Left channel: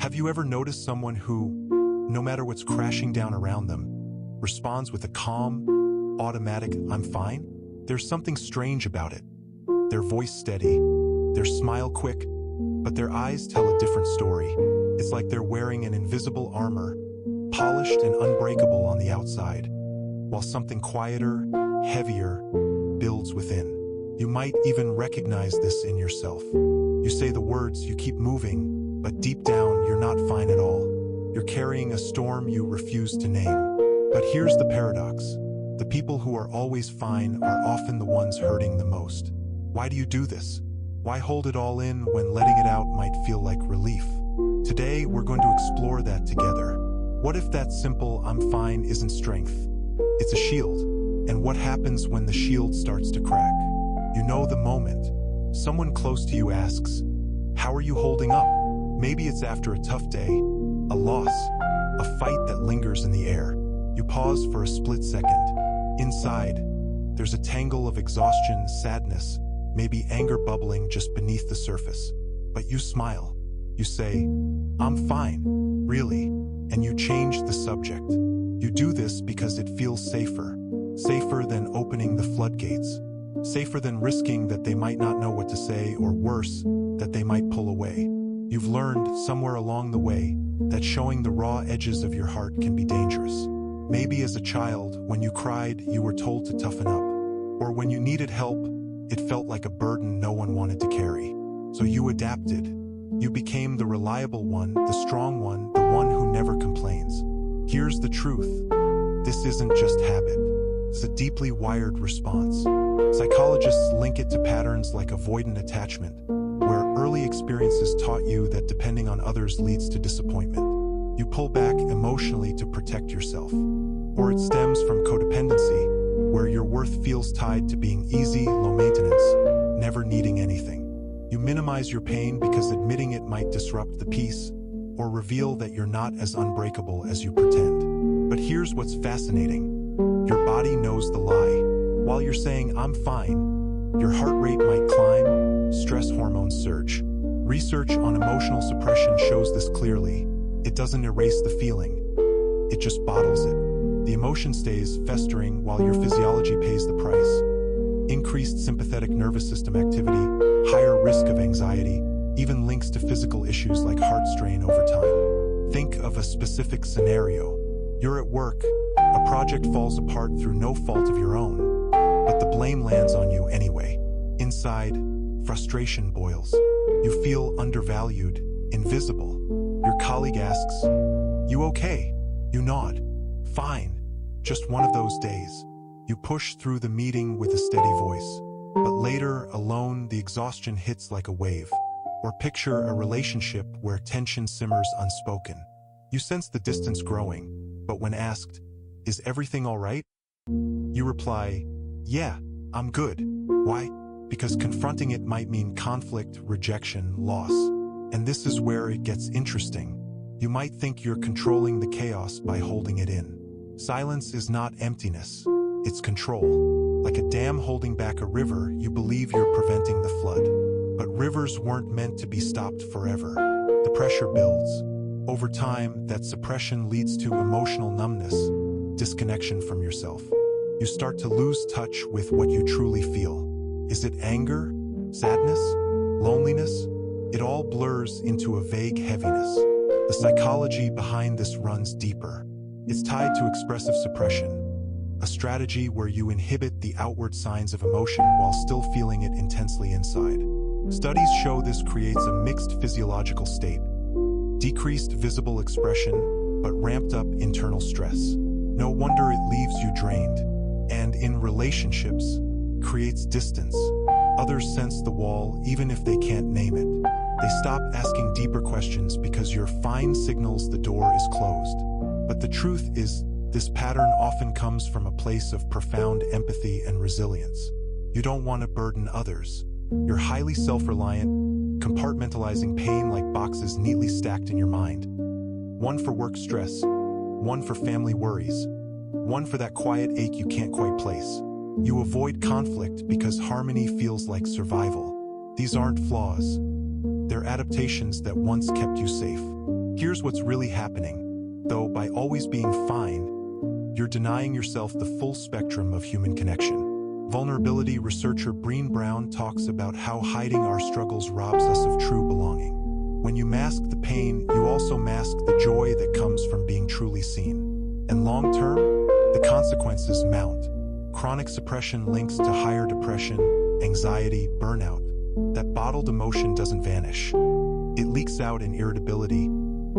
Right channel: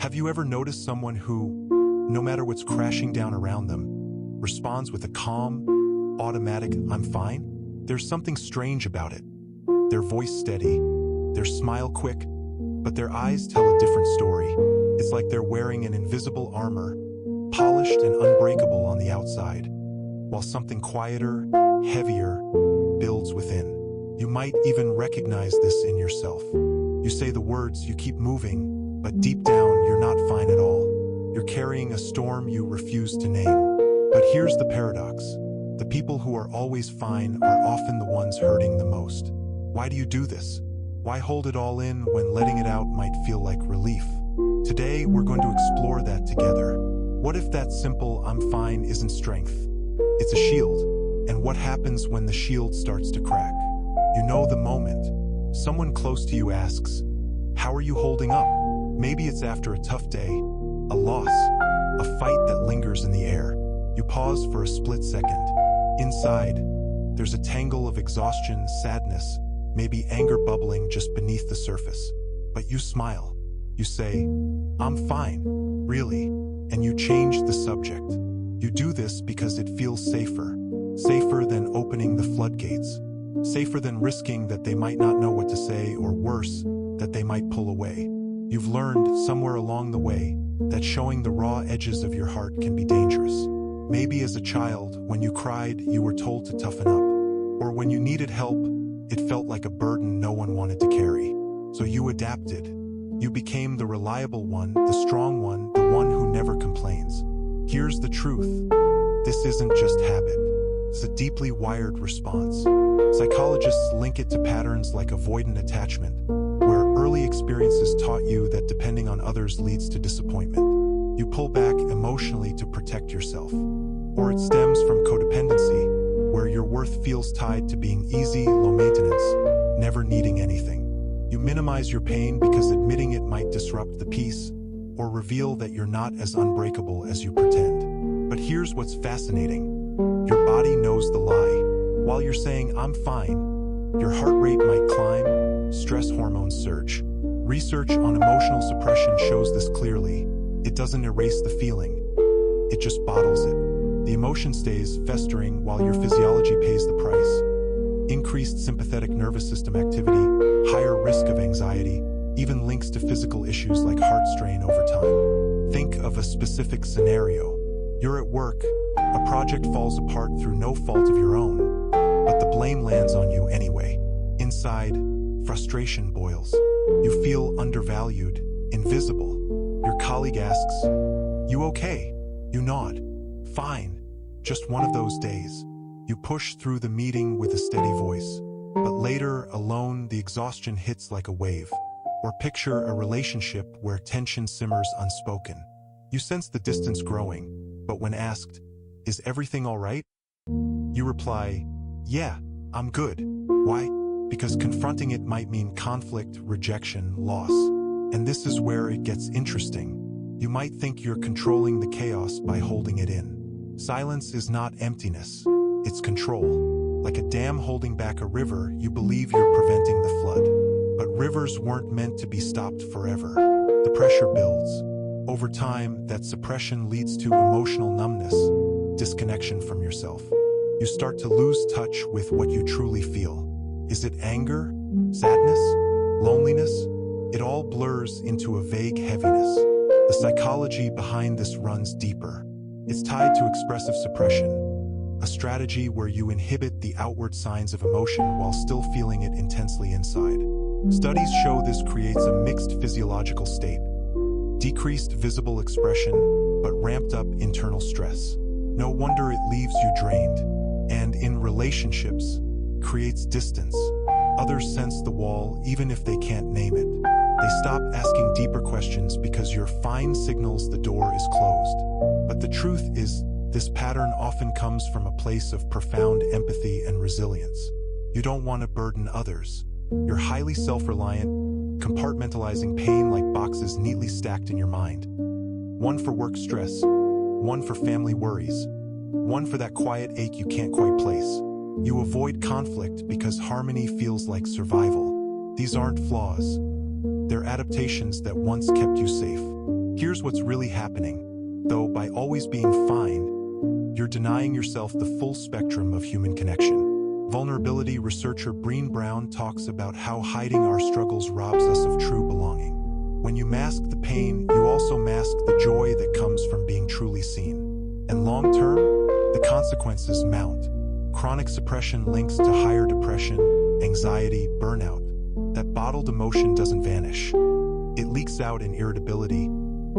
Have you ever noticed someone who, no matter what's crashing down around them, responds with a calm, automatic, "I'm fine"? There's something strange about it. Their voice steady, their smile quick, but their eyes tell a different story. It's like they're wearing an invisible armor, polished and unbreakable on the outside, while something quieter, heavier, builds within. You might even recognize this in yourself. You say the words, you keep moving, but deep down you're not fine at all. You're carrying a storm you refuse to name. But here's the paradox. The people who are always fine are often the ones hurting the most. Why do you do this? Why hold it all in when letting it out might feel like relief? Today, we're going to explore that together. What if that simple "I'm fine" isn't strength? It's a shield. And what happens when the shield starts to crack? You know the moment. Someone close to you asks, "How are you holding up?" Maybe it's after a tough day, a loss, a fight that lingers in the air. You pause for a split second. Inside, there's a tangle of exhaustion, sadness, maybe anger bubbling just beneath the surface. But you smile. You say, "I'm fine, really," and you change the subject. You do this because it feels safer. Safer than opening the floodgates. Safer than risking that they might not know what to say, or worse, that they might pull away. You've learned, somewhere along the way, that showing the raw edges of your heart can be dangerous. Maybe as a child, when you cried, you were told to toughen up. Or when you needed help, it felt like a burden no one wanted to carry. So you adapted. You became the reliable one, the strong one, the one who never complains. Here's the truth. This isn't just habit. It's a deeply wired response. Psychologists link it to patterns like avoidant attachment, where early experiences taught you that depending on others leads to disappointment. You pull back emotionally to protect yourself. Or it stems from codependency, where your worth feels tied to being easy, low maintenance, never needing anything. You minimize your pain because admitting it might disrupt the peace, or reveal that you're not as unbreakable as you pretend. But here's what's fascinating. Your body knows the lie. While you're saying, "I'm fine," your heart rate might climb, stress hormones surge. Research on emotional suppression shows this clearly. It doesn't erase the feeling. It just bottles it. The emotion stays festering while your physiology pays the price. Increased sympathetic nervous system activity, higher risk of anxiety, even links to physical issues like heart strain over time. Think of a specific scenario. You're at work, a project falls apart through no fault of your own, but the blame lands on you anyway. Inside, frustration boils. You feel undervalued, invisible. Your colleague asks, "You okay?" You nod. "Fine. Just one of those days." You push through the meeting with a steady voice. But later, alone, the exhaustion hits like a wave. Or picture a relationship where tension simmers unspoken. You sense the distance growing, but when asked, "Is everything all right?" you reply, "Yeah, I'm good." Why? Because confronting it might mean conflict, rejection, loss. And this is where it gets interesting. You might think you're controlling the chaos by holding it in. Silence is not emptiness. It's control. Like a dam holding back a river, you believe you're preventing the flood. But rivers weren't meant to be stopped forever. The pressure builds. Over time, that suppression leads to emotional numbness, disconnection from yourself. You start to lose touch with what you truly feel. Is it anger? Sadness? Loneliness? It all blurs into a vague heaviness. The psychology behind this runs deeper. It's tied to expressive suppression, a strategy where you inhibit the outward signs of emotion while still feeling it intensely inside. Studies show this creates a mixed physiological state. Decreased visible expression, but ramped up internal stress. No wonder it leaves you drained. And in relationships, creates distance. Others sense the wall even if they can't name it. They stop asking deeper questions because your fine signals the door is closed. But the truth is, this pattern often comes from a place of profound empathy and resilience. You don't want to burden others. You're highly self-reliant, compartmentalizing pain like boxes neatly stacked in your mind. One for work stress, one for family worries, one for that quiet ache you can't quite place. You avoid conflict because harmony feels like survival. These aren't flaws. They're adaptations that once kept you safe. Here's what's really happening. Though by always being fine, you're denying yourself the full spectrum of human connection. Vulnerability researcher Brené Brown talks about how hiding our struggles robs us of true belonging. When you mask the pain, you also mask the joy that comes from being truly seen. And long-term, the consequences mount. Chronic suppression links to higher depression, anxiety, burnout. That bottled emotion doesn't vanish. It leaks out in irritability,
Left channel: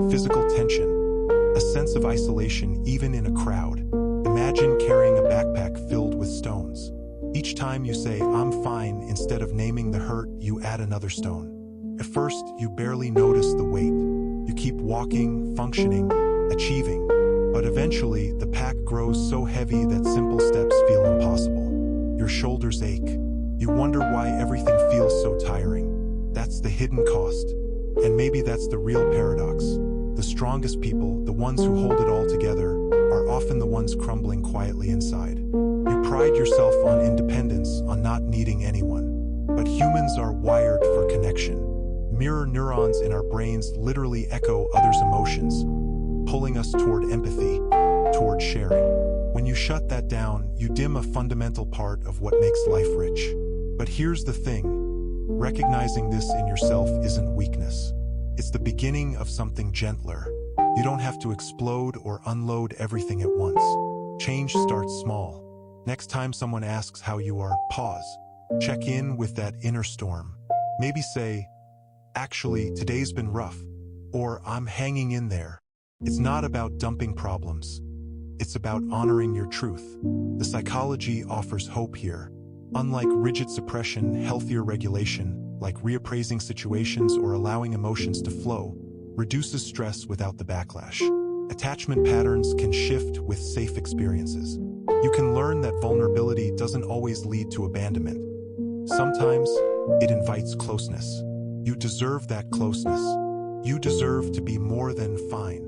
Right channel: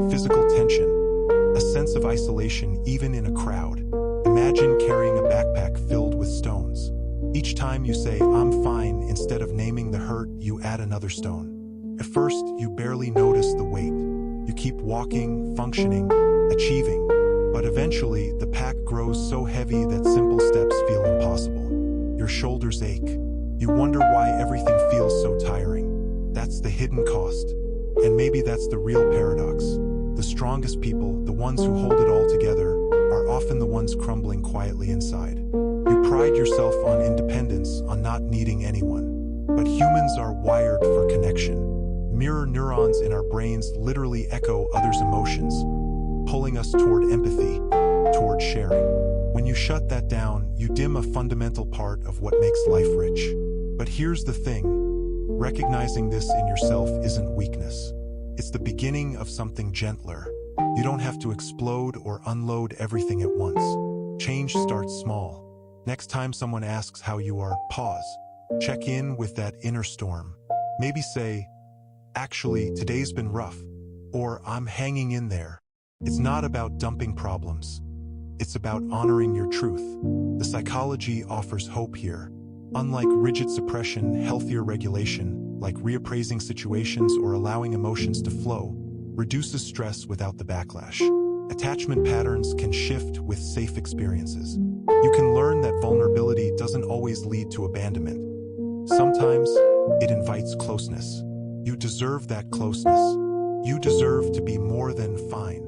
physical tension, a sense of isolation even in a crowd. Imagine carrying a backpack filled with stones. Each time you say, "I'm fine," instead of naming the hurt, you add another stone. At first, you barely notice the weight. You keep walking, functioning, achieving. But eventually, the pack grows so heavy that simple steps feel impossible. Your shoulders ache. You wonder why everything feels so tiring. That's the hidden cost. And maybe that's the real paradox. The strongest people, the ones who hold it all together, are often the ones crumbling quietly inside. You pride yourself on independence, on not needing anyone. But humans are wired for connection. Mirror neurons in our brains literally echo others' emotions, pulling us toward empathy, toward sharing. When you shut that down, you dim a fundamental part of what makes life rich. But here's the thing. Recognizing this in yourself isn't weakness. It's the beginning of something gentler. You don't have to explode or unload everything at once. Change starts small. Next time someone asks how you are, pause. Check in with that inner storm. Maybe say, "Actually, today's been rough," or "I'm hanging in there." It's not about dumping problems. It's about honoring your truth. The psychology offers hope here. Unlike rigid suppression, healthier regulation, like reappraising situations or allowing emotions to flow, reduces stress without the backlash. Attachment patterns can shift with safe experiences. You can learn that vulnerability doesn't always lead to abandonment. Sometimes, it invites closeness. You deserve that closeness. You deserve to be more than fine.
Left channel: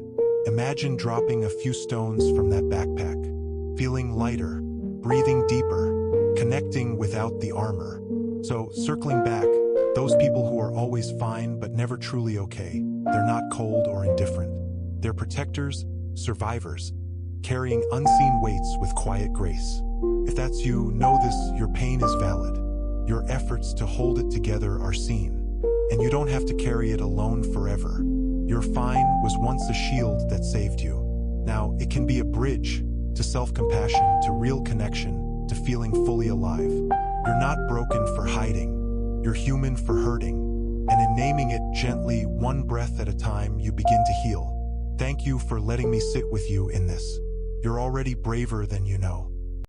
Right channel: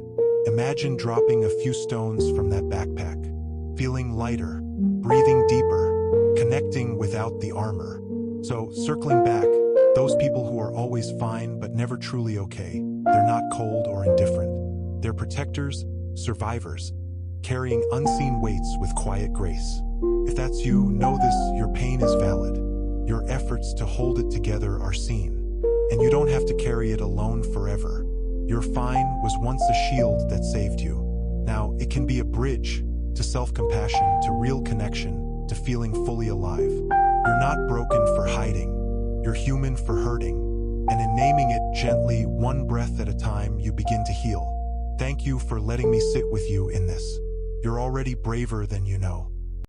Imagine dropping a few stones from that backpack, feeling lighter, breathing deeper, connecting without the armor. So, circling back, those people who are always fine but never truly okay, they're not cold or indifferent. They're protectors, survivors, carrying unseen weights with quiet grace. If that's you, know this, your pain is valid. Your efforts to hold it together are seen. And you don't have to carry it alone forever. Your fine was once a shield that saved you. Now, it can be a bridge to self-compassion, to real connection, to feeling fully alive. You're not broken for hiding. You're human for hurting. And in naming it gently, one breath at a time, you begin to heal. Thank you for letting me sit with you in this. You're already braver than you know.